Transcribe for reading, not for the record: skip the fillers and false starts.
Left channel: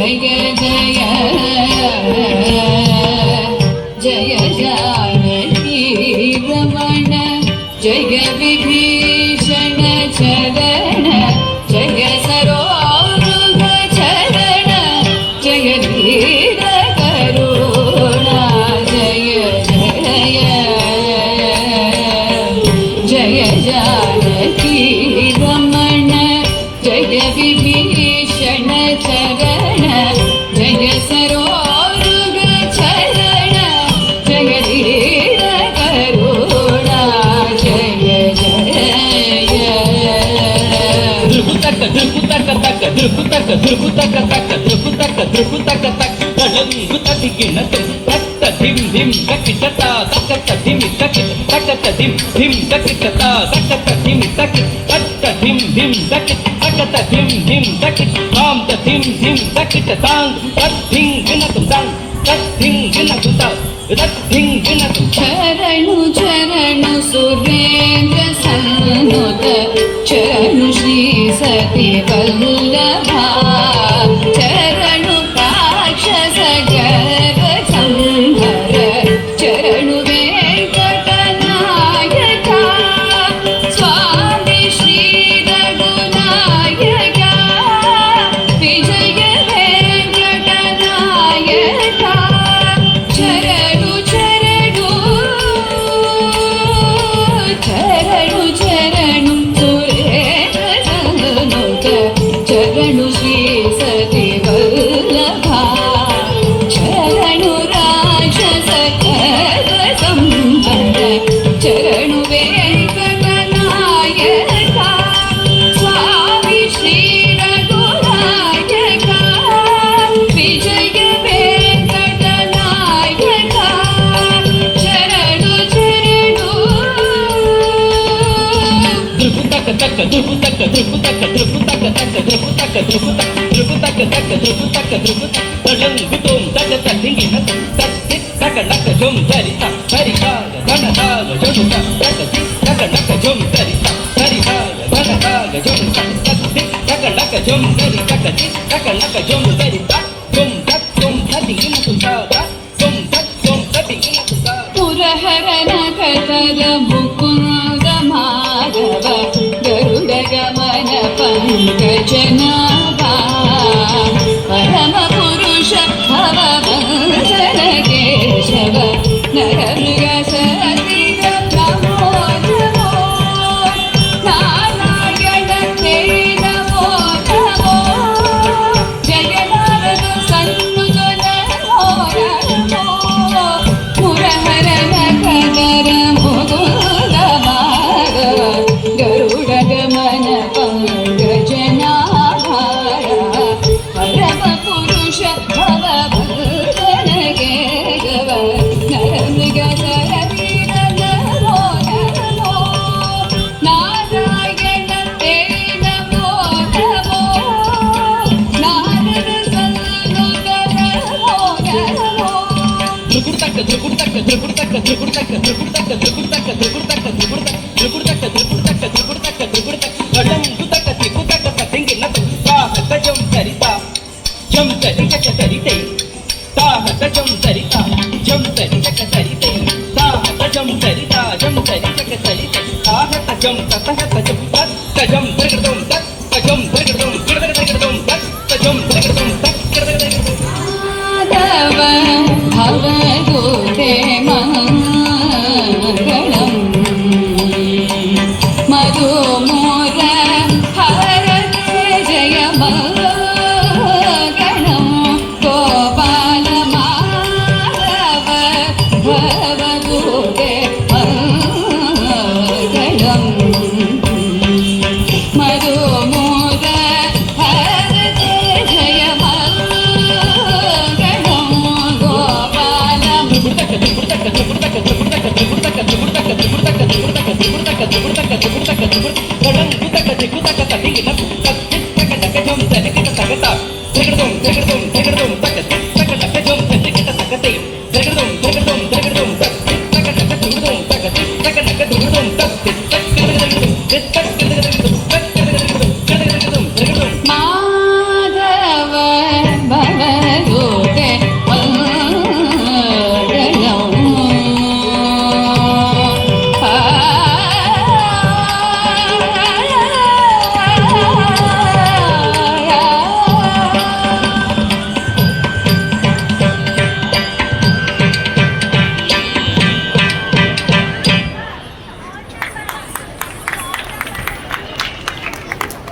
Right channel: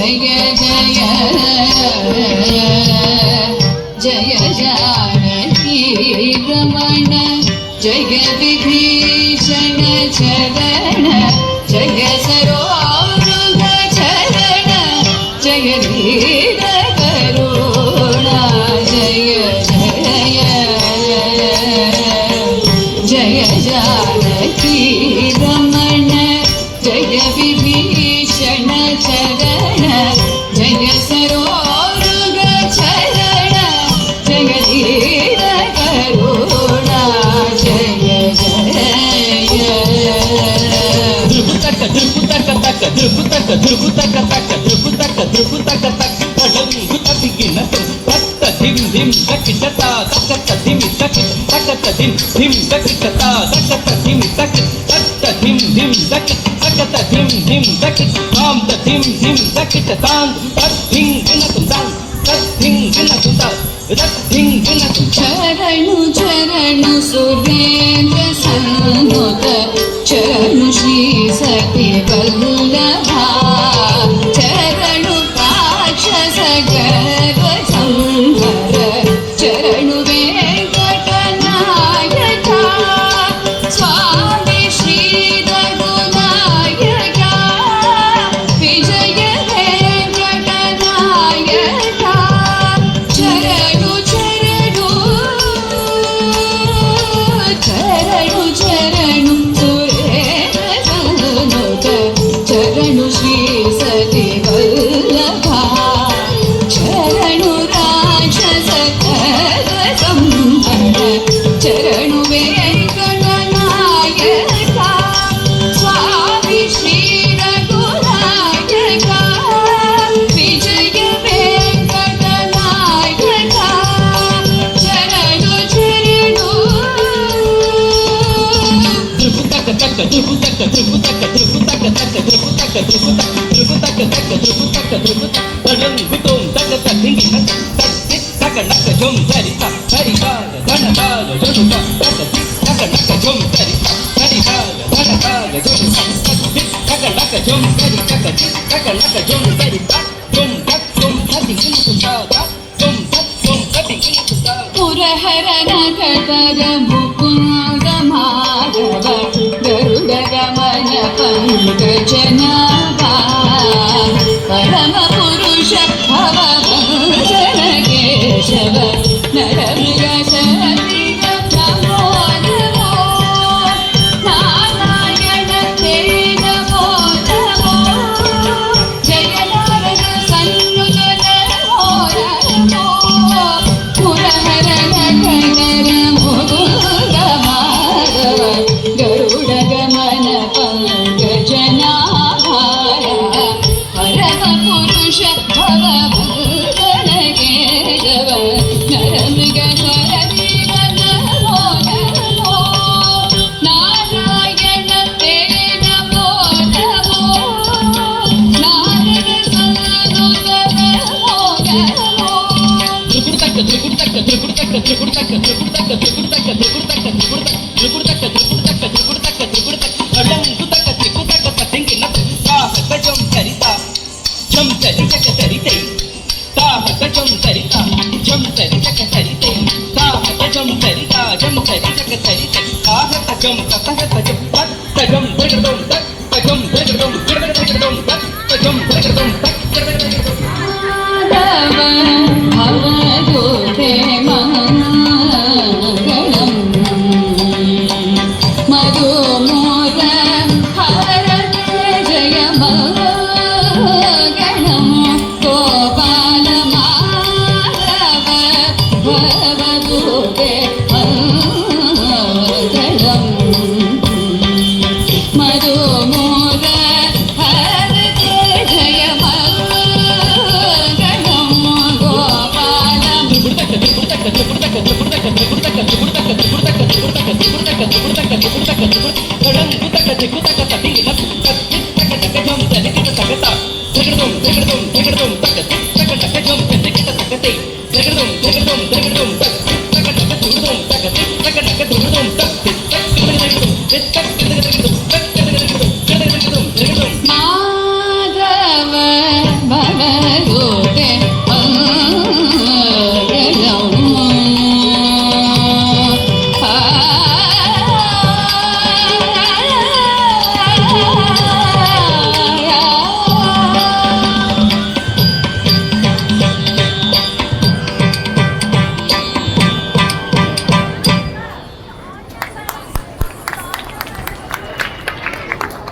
జయ జయ జయ జానకి రమణ జయ విభీషణ చరణ జయ సరోరుగ చరణ జయ ధీర కరుణ జయ జయ జయ జానకి రమణ జయ విభీషణ చరణ జయ సరోరుగ చరణ జయ ధీర కరుణ జయ జయ చరణు చరణు సురేంద్ర సన్నుత చరణు శ్రీ సతి వల్లభ చరణు రాక్షస గర్వ సంహర చరణు వెంకటనాయక స్వామి శ్రీ రఘునాయక విజయ వెంకటనాయక చరణు చరణు చరణు చరణు సురేంద్ర సన్నుత చరణు శ్రీ సతి వల్లభ చరణు రాక్షస గర్వ సంహర చరణు వెంకటనాయక స్వామి శ్రీ రఘునాయక విజయ వెంకటనాయక చరణు పురహరణ కతర ముకుంద మాధవ గరుడ గమన పంకజనాభ పరమ పురుష భవభంసర కేశవ నరమృగ సరసిజ నమో నమో నారాయణ తే నమో నమో జగన్నాథ సన్నుత నమో నమో పురహరణ కతర ముకుంద మాధవ గరుడ గమన పంకజనాభ పరమ పురుష భవభూషణ కేశవ నరమృగ సరసిజ నమో నమో నారాయణ తే నమో నమో నారద సన్నుత నమో నమో జం